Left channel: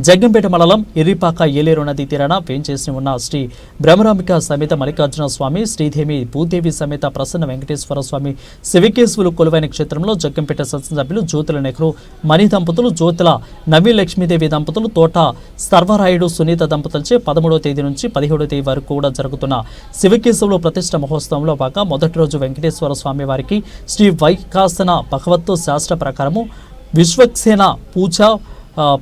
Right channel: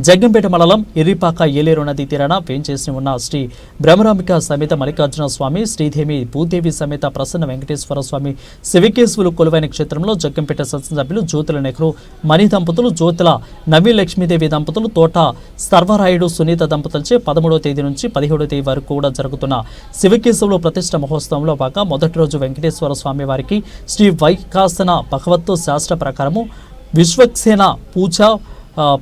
జగ్గంపేట మండలం ఎర్రిపాక ఏలేరు నది తీరాన వేంచేసి ఉన్న శ్రీ బ్రహ్మరాంబిక సమేత మల్లికార్జున స్వామి శ్రీదేవి భూదేవి సమేత ప్రసన్న వెంకటేశ్వర స్వామి శివకేశవులు కొలువైన క్షేత్రంలో జగ్గంపేట శాసనసభ్యులు జ్యోతుల నెహ్రూ మణి దంపతులు జ్యోతుల నవీ లక్ష్మీదేవి దంపతులు తోట సర్వరాయుడు సునీత దంపతులచే పదమూడవ తేదీ నుంచి పదిహేడవ తేదీ వరకు కూడా జరుగుతున్న శివకేశవులు ప్రతిష్ట మహోత్సవంలో భాగంగా మొదటి రోజు వెంకటేశ్వర స్వామి వారికి శ్రీ వైకాసన భగవత్తు శాస్త్ర ప్రకారము విశ్వక్సేన పూజ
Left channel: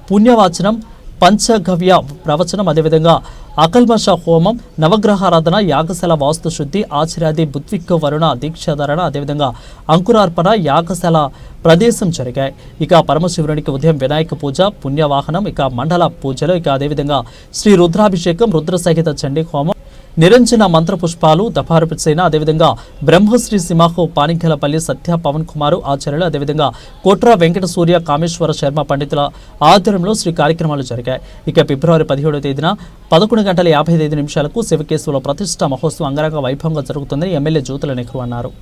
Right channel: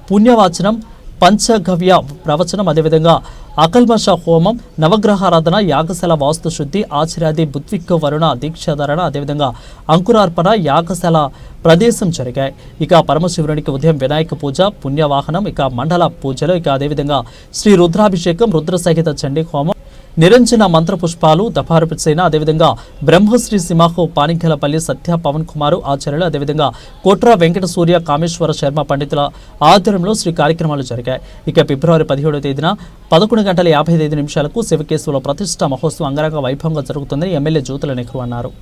పుణ్యవాచనం పంచగవ్య ప్రవచనం అదేవిధంగా అకల్మష హోమం నవగ్రహారాధన యాగశాల వాస్తుశుద్ధి ఆచార్యాది బుద్విక్ వరుణ దీక్షాధారణ అదేవిధంగా అంకురార్పణ యాగశాల ప్రదేశం జరిగాయి. ఇక పరమశివునికి ఉదయం వినాయక పూజ పుణ్యవాహనం ఇక మండల పూజలు ఇక అదేవిధంగా శ్రీ రుద్రాభిషేకం రుద్ర సహిత చండీ హోమం. నిరంజన మంత్రపుష్పాలు దఫారపు సేన అదేవిధంగా బ్రహ్మశ్రీ సింహాహో పానిఘలపల్లి సత్య పవన్ కుమార్ ఆచార్యులు అదేవిధంగా కోట్రా వెంకట సూర్య కామేశ్వర శర్మ పండితుల ఆధ్వర్యంలో శ్రీ కార్యక్రమాలు జరిగాయి. ఇక ఫిబ్రవరి పదిహేడవ తేదీన పదకొండు గంటల యాభై ఐదు నిమిషాలకు శివకేశవుల ప్రతిష్ట మహోత్సవం అంగరంగ వైభవంగా జరుగుతుందని ఎమ్మెల్యే జ్యోతుల నెహ్రూ అన్నారు.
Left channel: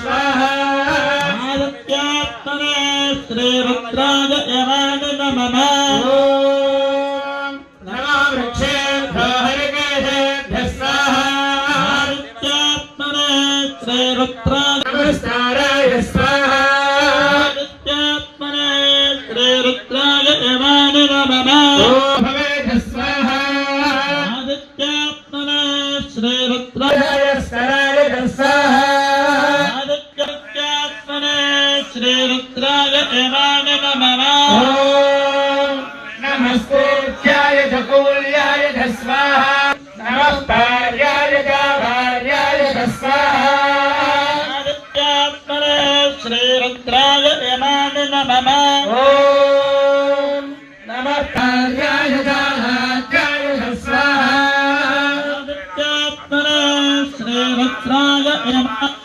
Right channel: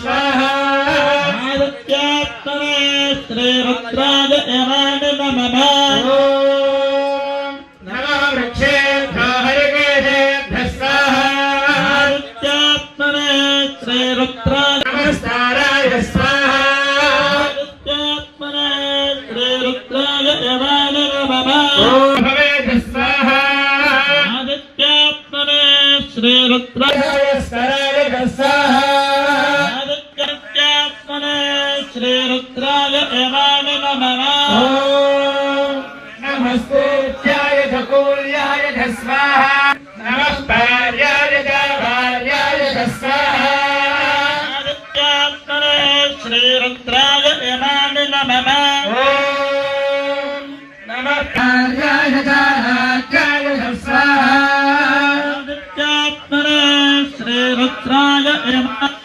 స్వాహ इमानि नमः ॐ नमोऽग्रे वहाय चतुरे वहाय तस्य स्वाहा आदित्यात्मने श्रीरुद्राय इमानि नमः ॐ नमो वृक्षेभ्यो हरिकेशेभ्यः स्वाहा आदित्यात्मने श्रीरुद्राय नमस्काराय स्वाहा आदित्यात्मने श्रीरुद्राय इमानि नमः ॐ भवेत् स्वाहा आदित्यात्मने श्रीरुद्राय श्रीरुद्राय इमानि नमः ॐ नमस्तेभ्याय च कूल्याय च स्वाहा नमः भार्याय च भार्याय च स्वाहा आदित्यात्मने श्रीरुद्राय इमानि नमः ॐ नमः भार्याय च भार्याय च स्वाहा आदित्यात्मने श्रीरुद्राय इमानि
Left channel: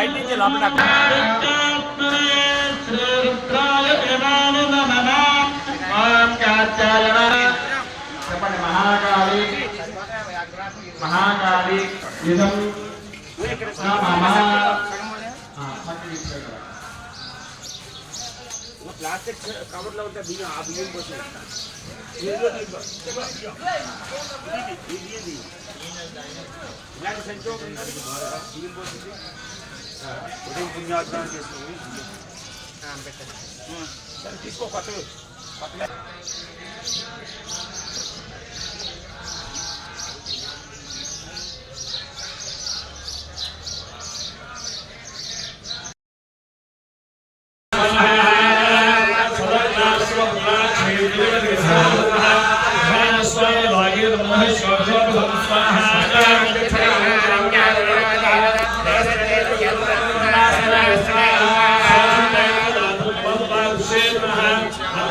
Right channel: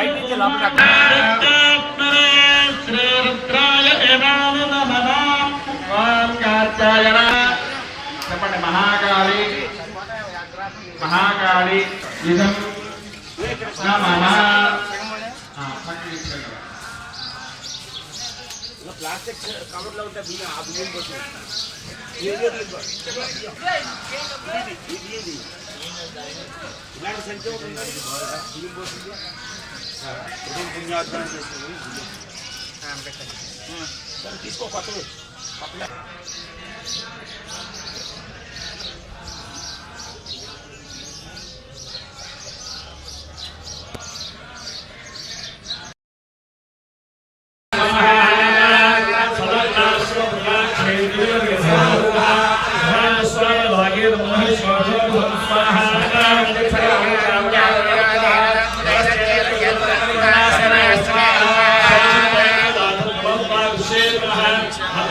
బయట నుంచి లోపల మహాకాళి మహాకాళి. ఇదం ప్లాస్టిక్ కవర్ ఉంటే బియ్యం ఆ బియ్యం కోసం ఇలాంటి సంఖ్య ఉంటుంది బియ్యం పోతుంది ఉదయం పుణ్యార్థం చేస్తుంది సరే తీసుకో కొత్తవి కొత్తగా దక్షిణాన